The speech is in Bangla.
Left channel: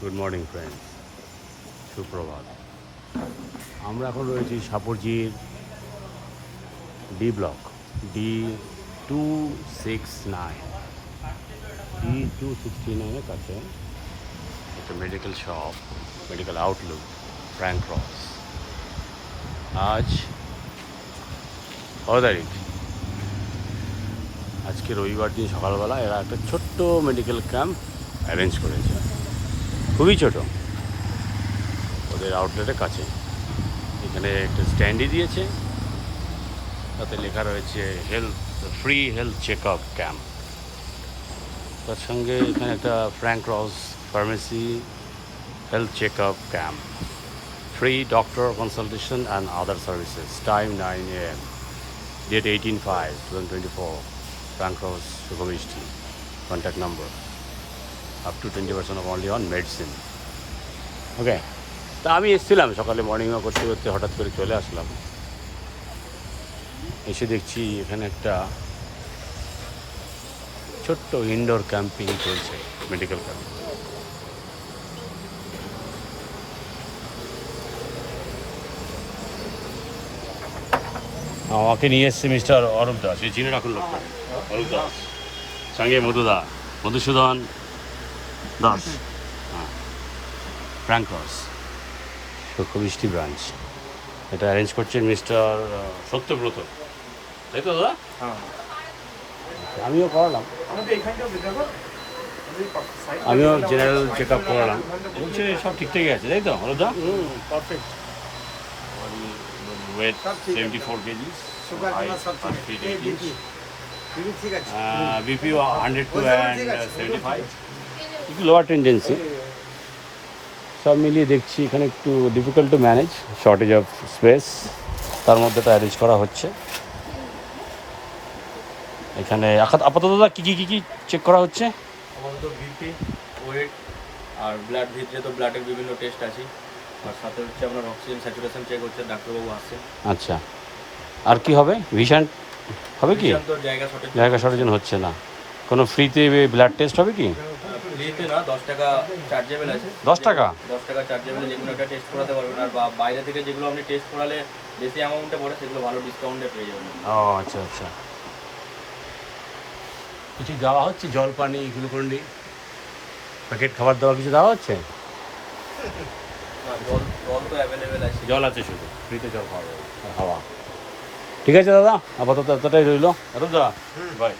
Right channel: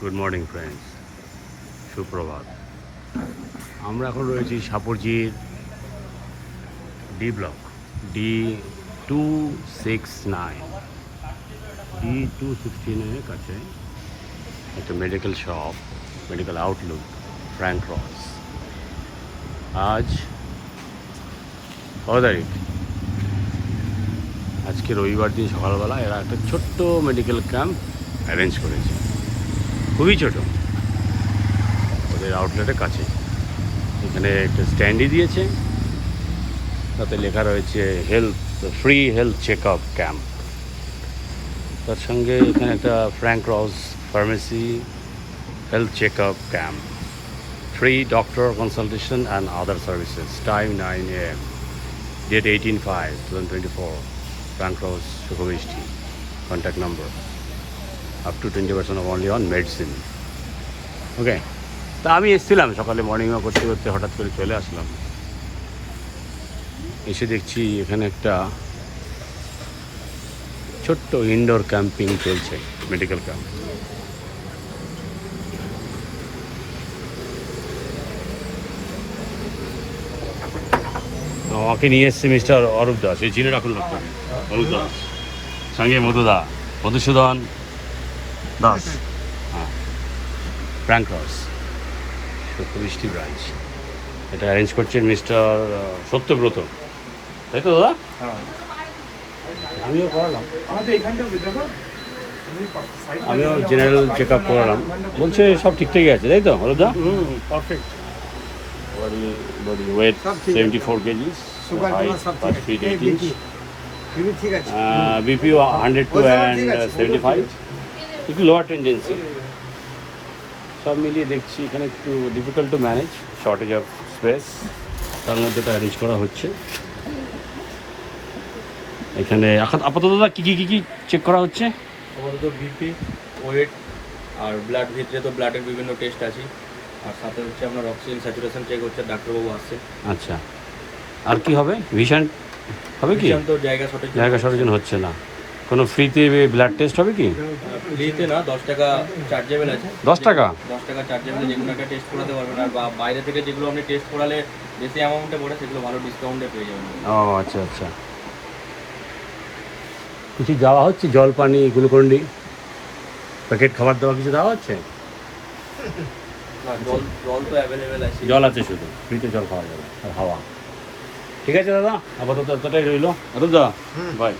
গুড মর্নিং ফ্রেন্ডস, সুপ্রভাত। আমরা এখন রয়েছি সাপুরজির ডি ব্লক D269 D269-এর কাছে একটা medical shop, medical outlook, Frank Cross. আজ 12 তারিখ, আজকে রবিবার দিন সকালবেলা এরা একটা ছোট্ট মেডিকেল ক্যাম্প অ্যারেঞ্জ করেছে, খুবই ছোট, ওদের আউটলেটের কাছে। এখানে একটা স্ট্যান্ডই দিয়েছে, তাতে লেখা রয়েছে free health check up camp. তার সঙ্গে এখানে একটা Frank Ross pharmacy health check up camp, free doctor consultation and other services, time 9 AM, date 18/5/2024, Frank Ross, সুখমিষ্টি। Contact number up to 20% off only on medicine. Okay, তা আমি এসেছিলাম সকালে মর্নিং ওয়াক করতে করতে, হঠাৎ করে চলে আসলাম। এসে দেখছি এখানে একটা ছোট্ট ইনডোর ক্যাম্পিং চলছে, মেডিকেল ক্যাম্প। আমাকে নিয়ে এসছে মিস্টার অরূপ দাস, এই চিনে রাখুন লোকটা, অরূপ দাস, সঙ্গে মধুসূদন দাস। হ্যাঁ, ফ্র্যাঙ্ক ক্রস, সুখমিষ্টি ব্রাঞ্চ। এটা অ্যারেঞ্জ করছেন মিস্টার সত্যব্রত, তাই তো দাদা? হ্যাঁ, আমিও করালাম, আমিও জেনারেল চেক আপ করালাম, বলছে সব ঠিকঠাকই আছে, তাই তো Halda? Body weight 74 KGs, height 5 feet 8 inch, BP 102 and 75, একটু লোয়ার টেন্ডেন্সি। সব মিলিয়ে দেখছি এখানে একটু difficult to manage, shortage of speech, তার মধ্যে এটা অ্যারেঞ্জ করা হচ্ছে। এখানে আপাতত কী কী চেক করা হচ্ছে? আপাতত বিপি, ওয়েট আর ব্লাড, ভিতরে তো ব্লাডের বিভিন্ন টেস্ট আছে, আর সাথে হচ্ছে আপনার অক্সিজেন স্যাচুরেশন চেক হচ্ছে, ডাক্তারবাবু আসছে। আচ্ছা, আর কি হবে? ভিশন হবে কি? তো জায়গা শর্টেজ হচ্ছে না। কোনো ফ্রিতে ব্লাড টেস্ট হবে কি? ফ্রিতে না, 10 টাকা চার্জেবল আছে। 10 টাকা? 10 টাকা চার্জেবল, যেগুলো একটা টেস্ট করাতে পারবেন। আর বাইরে থেকে যেগুলো আপনি টেস্ট করালে বেশি অ্যামাউন্টে পড়ে, সেগুলো ভালো ডিসকাউন্টে পেয়ে যাবেন। ও আচ্ছা আচ্ছা। কিছু দেওয়া হচ্ছে, জল, পানি, গ্লুকন্ডি, প্যাকেট খাবার দেওয়া কিছু দেওয়া হচ্ছে? না, জল তো অ্যাভেলেবেল আছে। জল আছে, শুধু ফ্রিতে জল খাওয়া যাবে আর হাওয়া। ঠিক আছে দাদা, আপাতত এতটাই রইল। দাদা বাই।